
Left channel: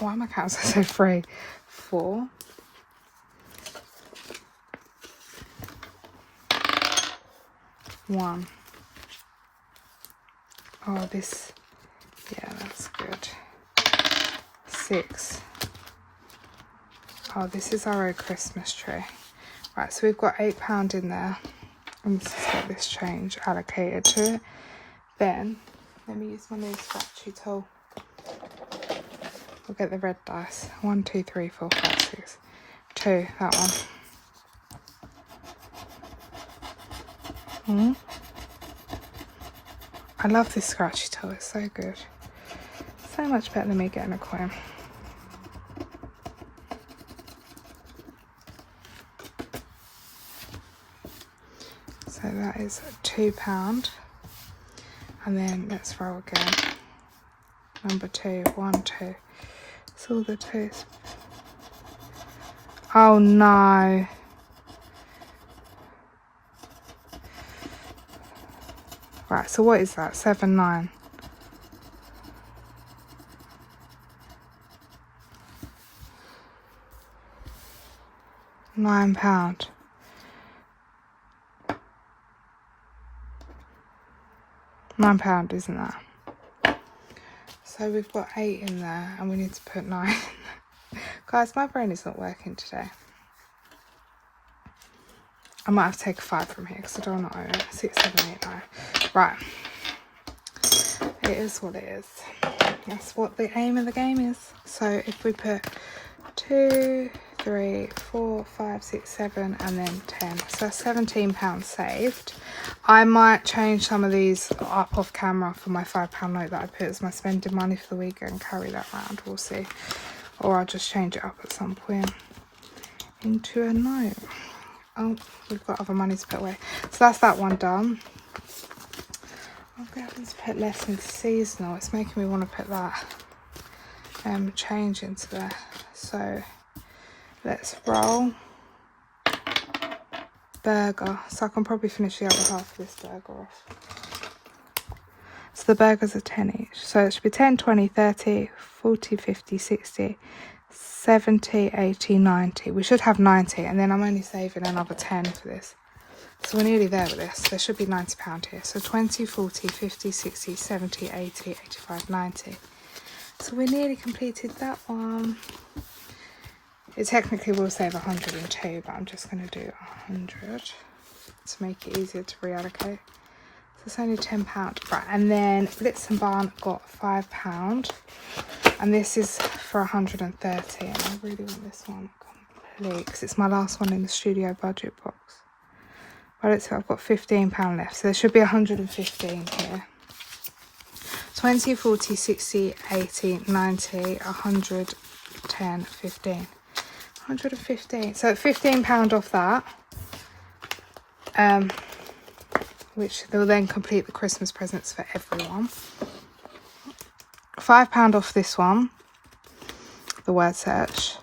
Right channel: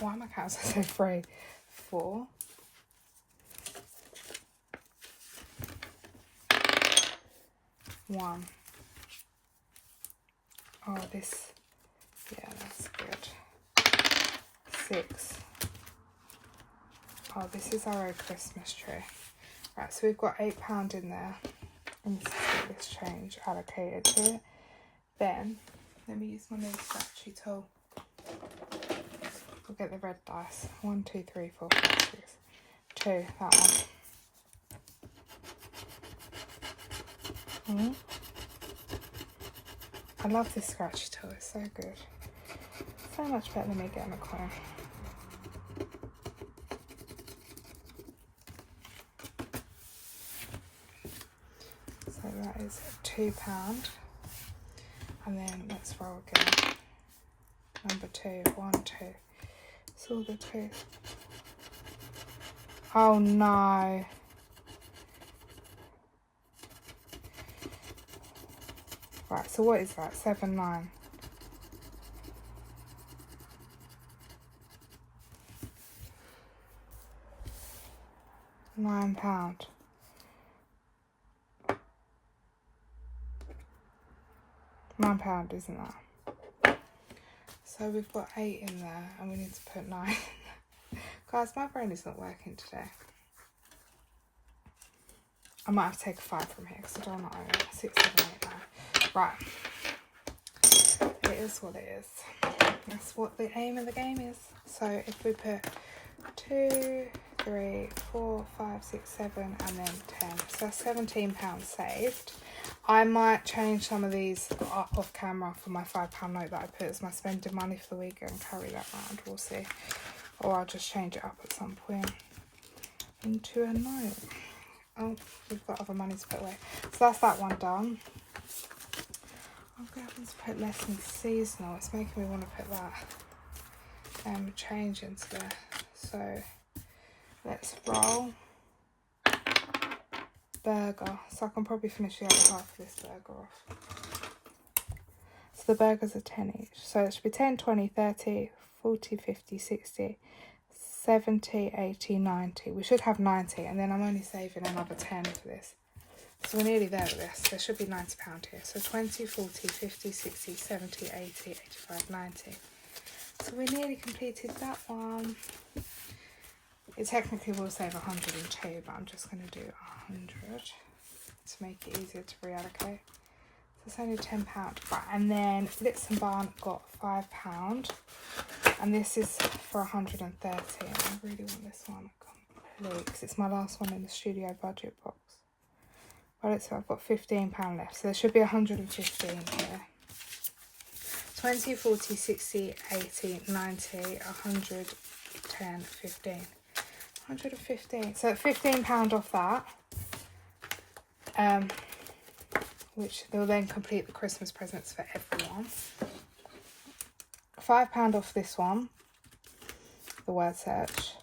Why am I counting so 3? 4. 1. Oh, this Yeah, that's good. 6. Oh, this is our own Christmas tree. Right, so we've got £8 in there. And this is what this change allocated to it. Then, let me use my new scratchy tool. I'll get the red dice. 1, 2, 3, 4, 5, 6. 2, that one. I love this scratchy tool, it's so good. So much better than me getting a coin. So that is £2. And then let's roll again. Number 2, 1, 2. It's all the 2s. Oh no. Right, so what is that? 7, 9. £9. £9, isn't that? So we've got 8 in there and we need to put 9 in there. Guys, my brain is not working today. I might have to take a 5 from here because I don't want to own it. 6, 7, 8, 9. Right. It is what it is. That's what the aim of the game is. So if we put 2, 3, 4, 5, 6, 7 and then 10. So that's £17 saved. I might change some of these up off camera for my £5 note that I put as my spending money for the week and carry that around. We'll see. Or I'll just change it up at some point into a note. Oh, we've got other money to put away. So that's that one done. I'm going to put less into seasonal. It's making me want to put that change into there. So let's roll. Burger. So I can probably finish the other half of this burger off. So the burgers are 10 each. So it should be 10, 20, 30, 40, 50, 60, 70, 80, 90. We should have 90 and then I'm only saving another 10 for this. So we're nearly there with this. There should be £90 here. So 20, 40, 50, 60, 70, 80, 85, 90. So we nearly completed that one. It technically will save 102, but I'm just going to do 100 to make it easier to reallocate. So it's only £10. Right, and then Blitz and Barn got £5. And this is for 130. And I really want this one complete because it's my last one in the studio budget box. Well, it's, I've got £15 left, so there should be 115 here. 20, 40, 60, 80, 90, 110, 15. 115. So £15 off that. Which will then complete the Christmas presents for everyone. £5 off this one. The word search.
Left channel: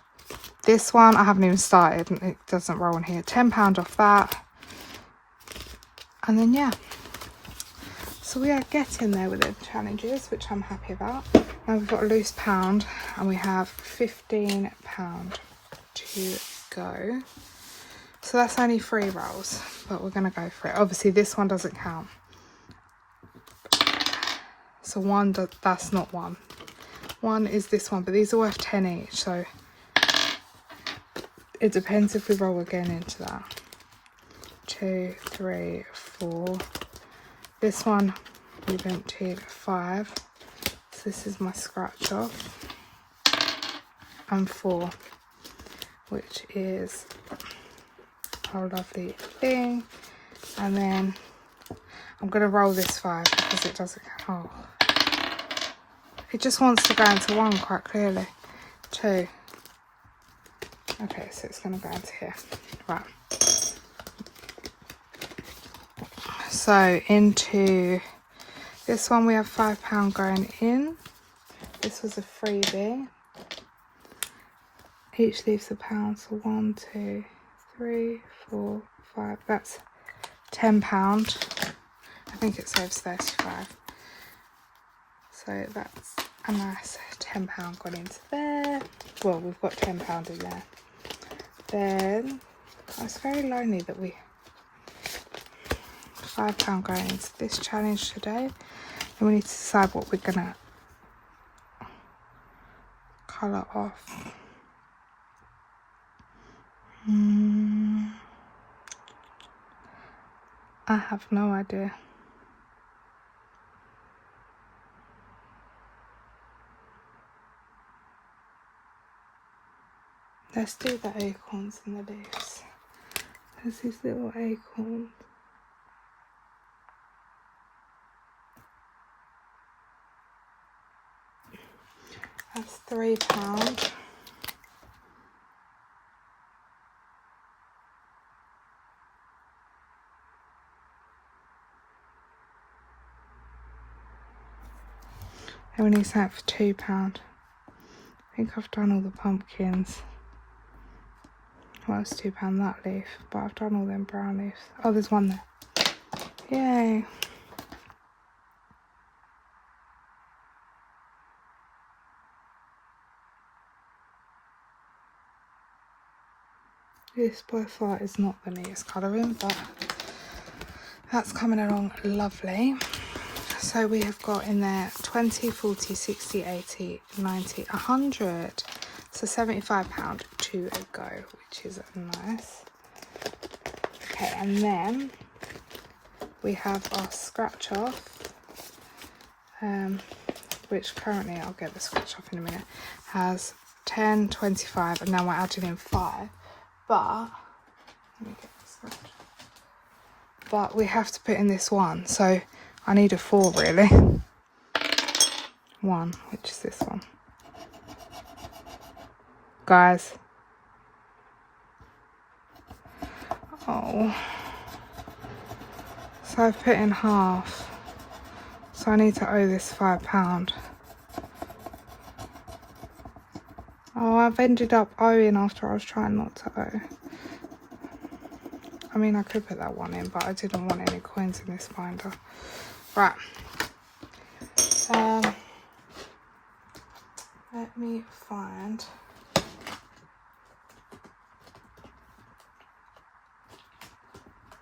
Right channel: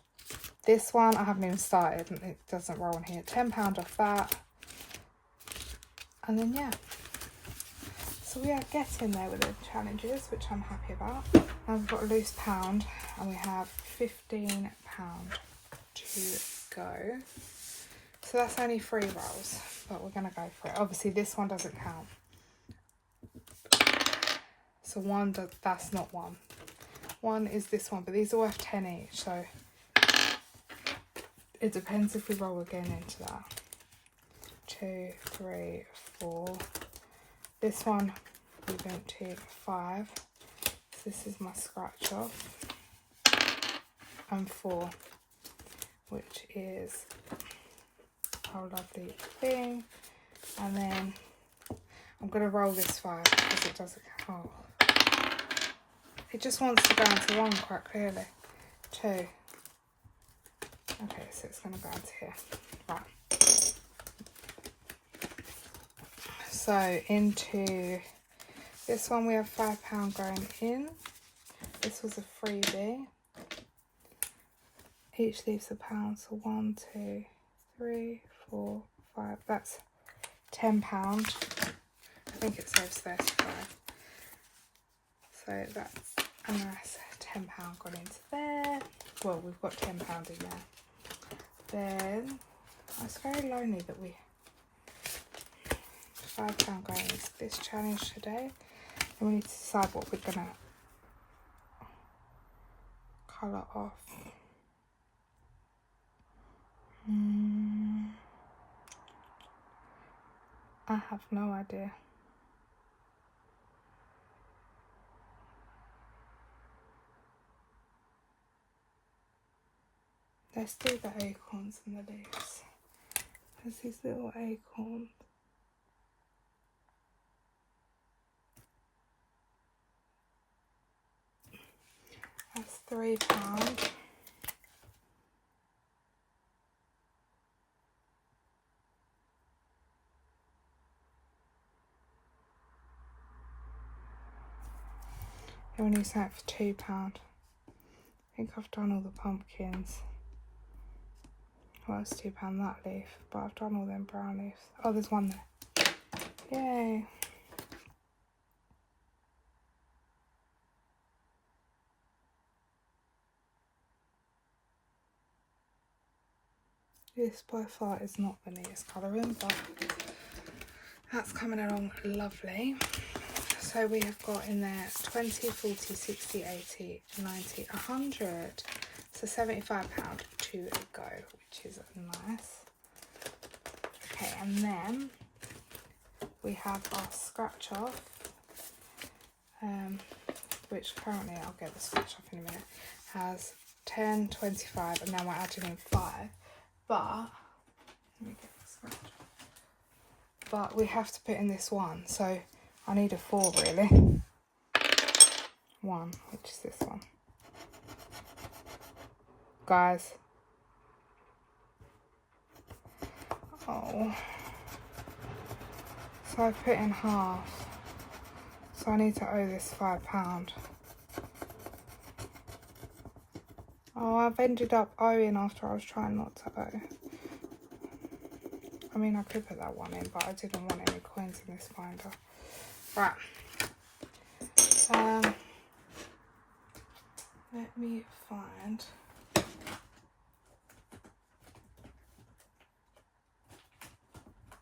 This one I haven't even started and it doesn't roll in here. £10 off that. And then yeah, so we are getting there with the challenges, which I'm happy about. Now we've got a loose pound and we have £15 to go. So that's only 3 rolls, but we're going to go for it. Obviously this one doesn't count. So that's not one. One is this one, but these are worth 10 each. So it depends if we roll again into that. 2, 3, 4. This one we emptied 5. So this is my scratch off. And 4, which is our lovely thing. And then I'm going to roll this 5 because it doesn't count. It just wants to go into 1 quite clearly. 2. Okay, so it's going to go into here. Right. So into this one we have £5 going in. This was a freebie. Each leaves a pound, so 1, 2, 3, 4, 5. That's £10. I think it saves 35. So that's a nice £10 gone into there. Well, we've got £10 in there. Then it's very lonely that we £5 going into this challenge today. And we need to decide what we're gonna colour off. I have no idea. Let's do the acorns and the leaves. There's these little acorns. That's £3. And we need something for £2. I think I've done all the pumpkins. Well, it's £2 that leaf, but I've done all them brown leaves. Oh, there's one there. Yay. This by far is not the neatest colouring, but that's coming along lovely. So we have got in there 20, 40, 60, 80, 90, 100. So £75 to go, which is nice. Okay, and then we have our scratch off, which currently, I'll get the scratch off in a minute, has 10, 25, and now we're adding in 5. But, let me get the scratch. But we have to put in this one, so I need a 4 really. 1, which is this one. Guys. Oh. So I've put in half. So I need to owe this £5. Oh, I've ended up owing after I was trying not to owe. I mean, I could put that one in, but I didn't want any coins in this binder. Right. Let me find.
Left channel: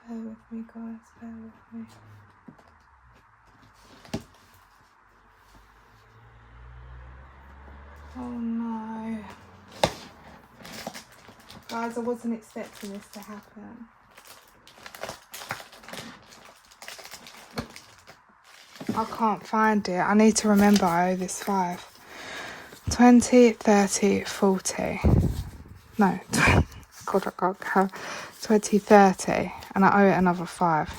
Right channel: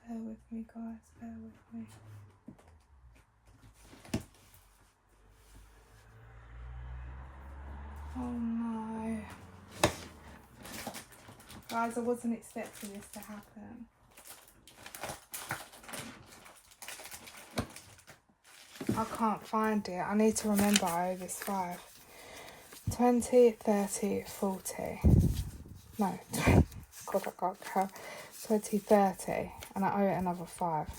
Bear with me, guys. Bear with me. Oh no. Guys, I wasn't expecting this to happen. I can't find it. I need to remember I owe this 5. 20, 30, 40. No, God, I can't count. 20, 30. And I owe it another 5.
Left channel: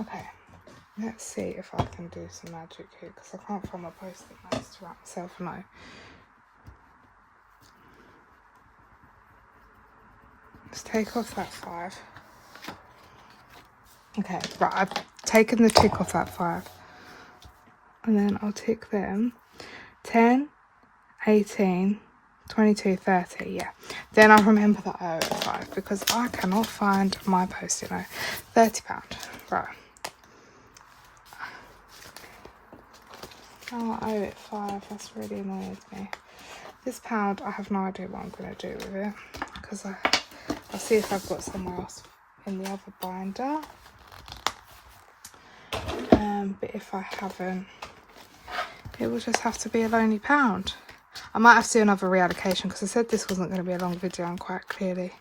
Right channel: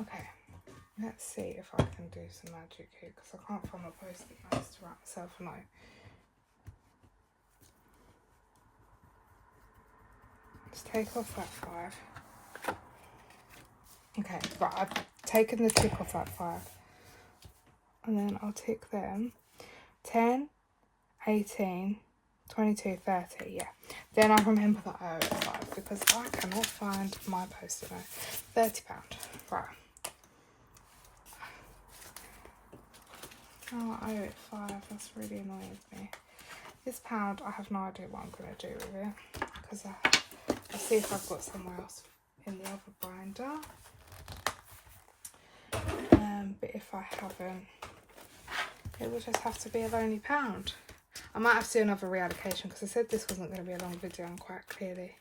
Okay. Let's see if I can do some magic here, because I can't find my post-it notes to write myself a note. Let's take off that 5. Okay, right, I've taken the tick off that 5. And then I'll tick them. 10, 18, 22, 30, yeah. Then I'll remember that I owe it 5, because I cannot find my post-it note. £30, right. Oh, I owe it 5, that's really annoyed me. This £1, I have no idea what I'm going to do with it, because I'll see if I've got somewhere else in the other binder. But if I haven't, it will just have to be a lonely £1. I might have to do another reallocation, because I said this wasn't going to be a long video, and quite clearly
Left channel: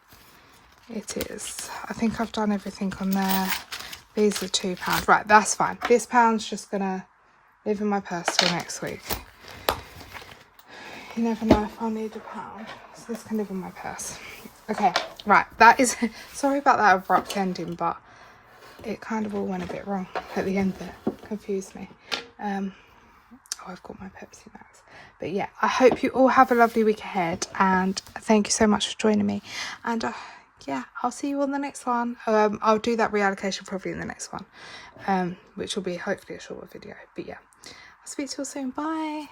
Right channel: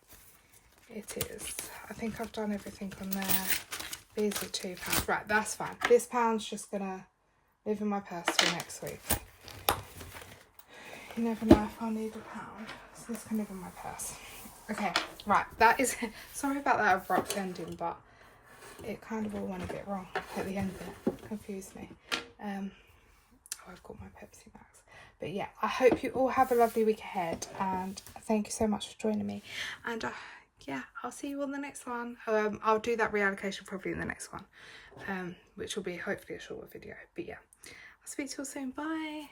it is. I think I've done everything on there. These are £2. Right, that's fine. This £1's just going to live in my purse till next week. You never know if I'll need £1. So this can live in my purse. Okay, right. That is... Sorry about that abrupt ending, but it kind of all went a bit wrong at the end there. Confused me. Oh, I've got my Pepsi Max. But yeah, I hope you all have a lovely week ahead, and thank you so much for joining me. And yeah, I'll see you on the next one. I'll do that reallocation probably in the next one, which will be hopefully a shorter video. But yeah, I'll speak to you all soon. Bye.